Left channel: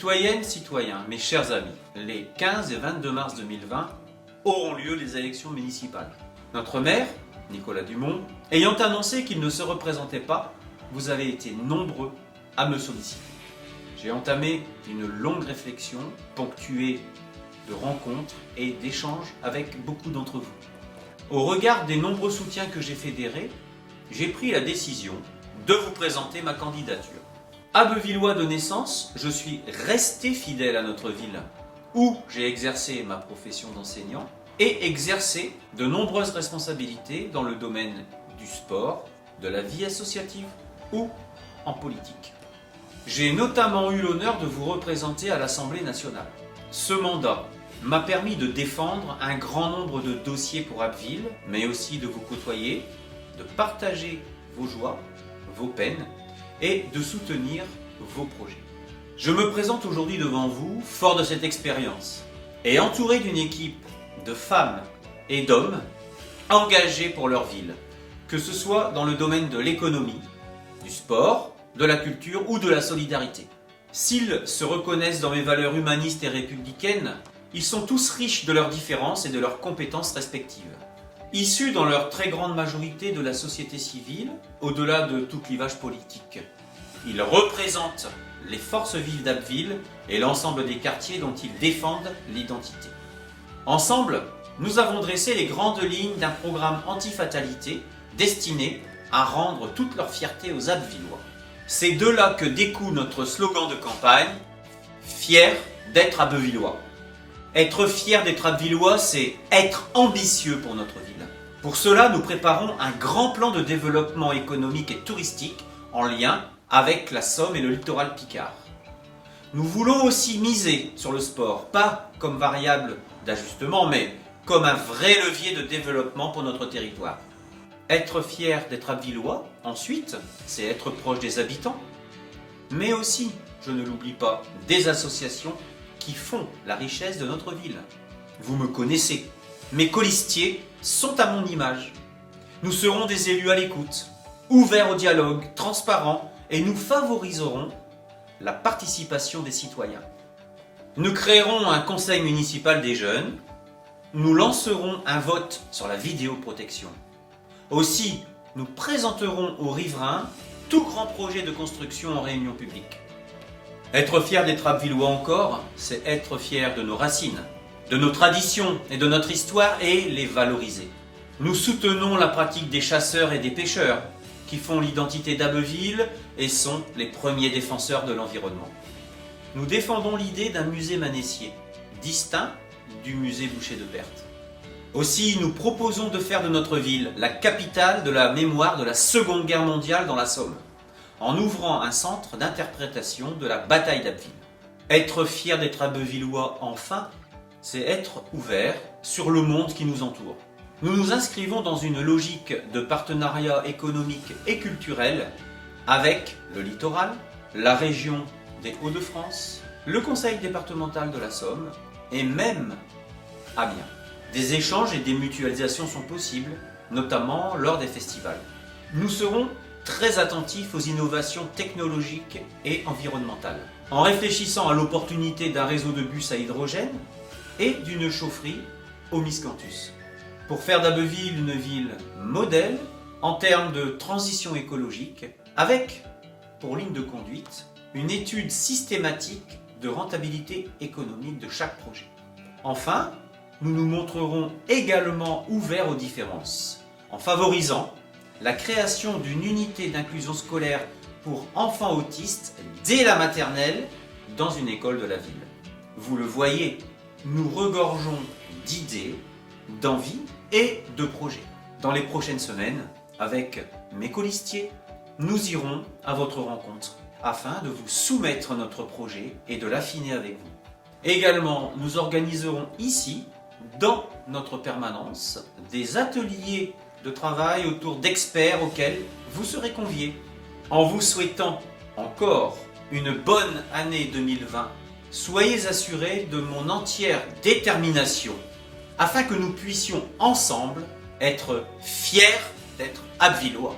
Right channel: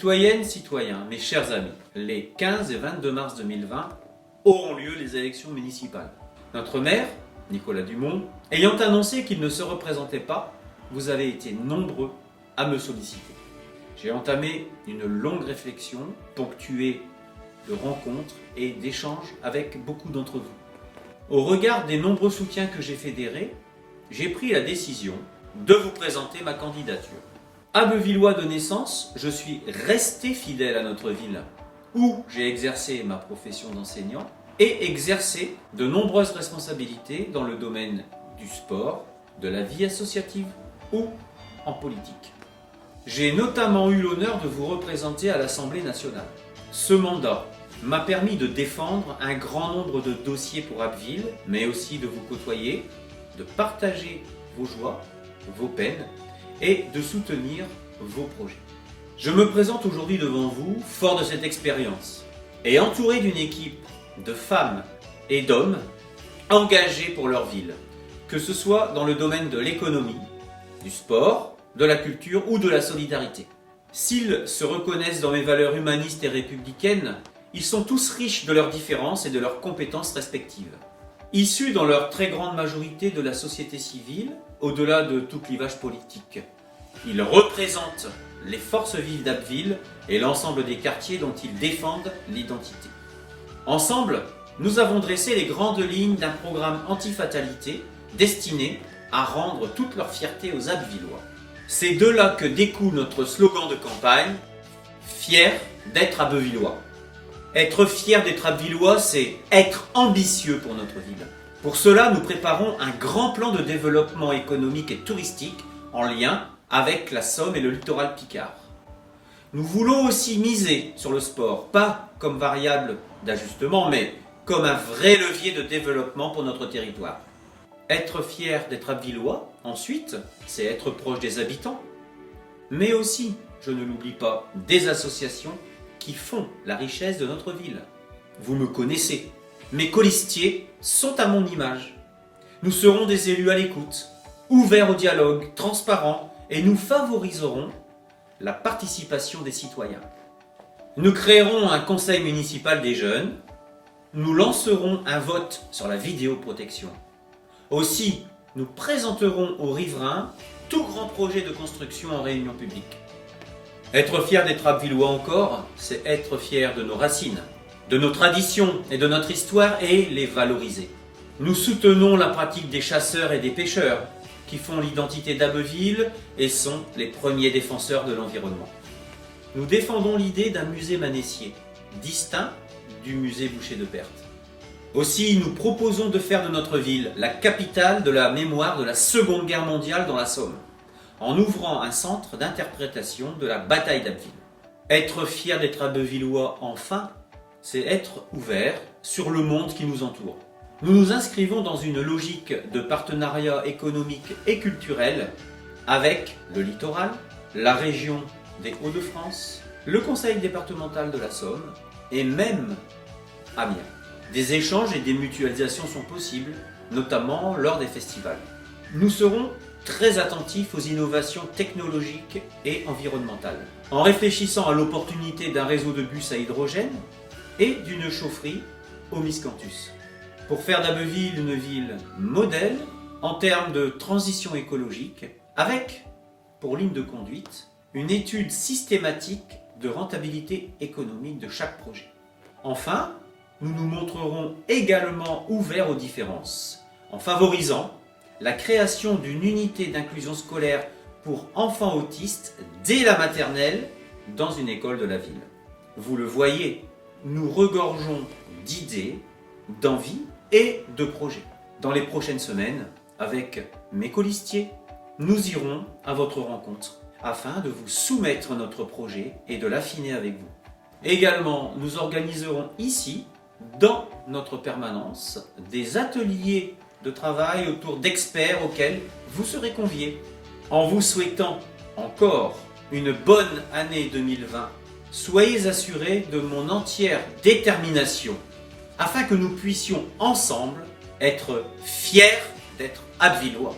Citoyennes, citoyens, mes chers amis, les 15 et 22 mars 2020 auront lieu les élections municipales. Notre maire, Nicolas Dumont, ayant annoncé qu'il ne se représentait pas, vous avez été nombreux à me solliciter. J'ai entamé une longue réflexion ponctuée de rencontres et d'échanges avec beaucoup d'entre vous. Au regard des nombreux soutiens que j'ai fédérés, j'ai pris la décision de vous présenter ma candidature. Abbeuvillois de naissance, je suis resté fidèle à notre ville, où j'ai exercé ma profession d'enseignant et exercé de nombreuses responsabilités dans le domaine du sport, de la vie associative ou en politique. J'ai notamment eu l'honneur de vous représenter à l'Assemblée nationale. Ce mandat m'a permis de défendre un grand nombre de dossiers pour Abbeville, mais aussi de vous côtoyer, de partager vos joies, vos peines et de soutenir vos projets. Je me présente aujourd'hui devant vous, fort de cette expérience, et entouré d'une équipe de femmes et d'hommes engagés pour leur ville, que ce soit dans le domaine de l'économie, du sport, de la culture ou de la solidarité. S'ils se reconnaissent dans mes valeurs humanistes et républicaines, ils sont tous riches de leurs différences et de leurs compétences respectives. Issus dans leur très grande majorité de la société civile, au-delà de tout clivage politique. Ils représentent les forces vives d'Abbeville et l'ensemble des quartiers dont ils défendent l'identité. Ensemble, nous avons dressé les grandes lignes d'un programme anti-fatalité destiné à rendre toute leur fierté aux Abbvillois. C'est de là que découle notre slogan de campagne « Fier d'être Abbeuvillois ». Être fier d'être Abbvillois, c'est être ambitieux pour notre ville. Pour cela, nous préparons un grand plan de développement économique et touristique en lien avec la Somme et le littoral picard. Nous voulons aussi miser sur le sport, pas comme variable d'ajustement, mais comme un vrai levier de développement pour notre territoire. Être fier d'être Abbvillois, ensuite, c'est être proche des habitants, mais aussi, je ne l'oublie pas, des associations qui font la richesse de notre ville. Vous me connaissez, mes colistiers sont à mon image. Nous serons des élus à l'écoute, ouverts au dialogue, transparents, et nous favoriserons la participation des citoyens. Nous créerons un conseil municipal des jeunes, nous lancerons un vote sur la vidéoprotection. Aussi, nous présenterons aux riverains tout grand projet de construction en réunion publique. Être fier d'être Abbvillois encore, c'est être fier de nos racines, de nos traditions et de notre histoire et les valoriser. Nous soutenons la pratique des chasseurs et des pêcheurs qui font l'identité d'Abbeville et sont les premiers défenseurs de l'environnement. Nous défendons l'idée d'un musée manessier, distinct du musée Boucher de Perthes. Aussi, nous proposons de faire de notre ville la capitale de la mémoire de la Seconde Guerre mondiale dans la Somme, en ouvrant un centre d'interprétation de la bataille d'Abbeville. Être fier d'être Abbeuvillois enfin, c'est être ouvert sur le monde qui nous entoure. Nous nous inscrivons dans une logique de partenariat économique et culturel avec le littoral, la région des Hauts-de-France, le conseil départemental de la Somme et même Amiens. Des échanges et des mutualisations sont possibles, notamment lors des festivals. Nous serons très attentifs aux innovations technologiques et environnementales, en réfléchissant à l'opportunité d'un réseau de bus à hydrogène et d'une chaufferie au miscanthus, pour faire d'Abbeville une ville modèle en termes de transition écologique, avec, pour ligne de conduite, une étude systématique de rentabilité économique de chaque projet. Enfin, nous nous montrerons également ouverts aux différences, en favorisant la création d'une unité d'inclusion scolaire pour enfants autistes dès la maternelle dans une école de la ville. Vous le voyez, nous regorgeons d'idées, d'envies et de projets. Dans les prochaines semaines, avec mes colistiers, nous irons à votre rencontre afin de vous soumettre notre projet et de l'affiner avec vous. Également, nous organiserons ici, dans notre permanence, des ateliers de travail autour d'experts auxquels vous serez conviés. En vous souhaitant encore une bonne année 2020, soyez assurés de mon entière détermination afin que nous puissions ensemble être fiers d'être Abbvillois.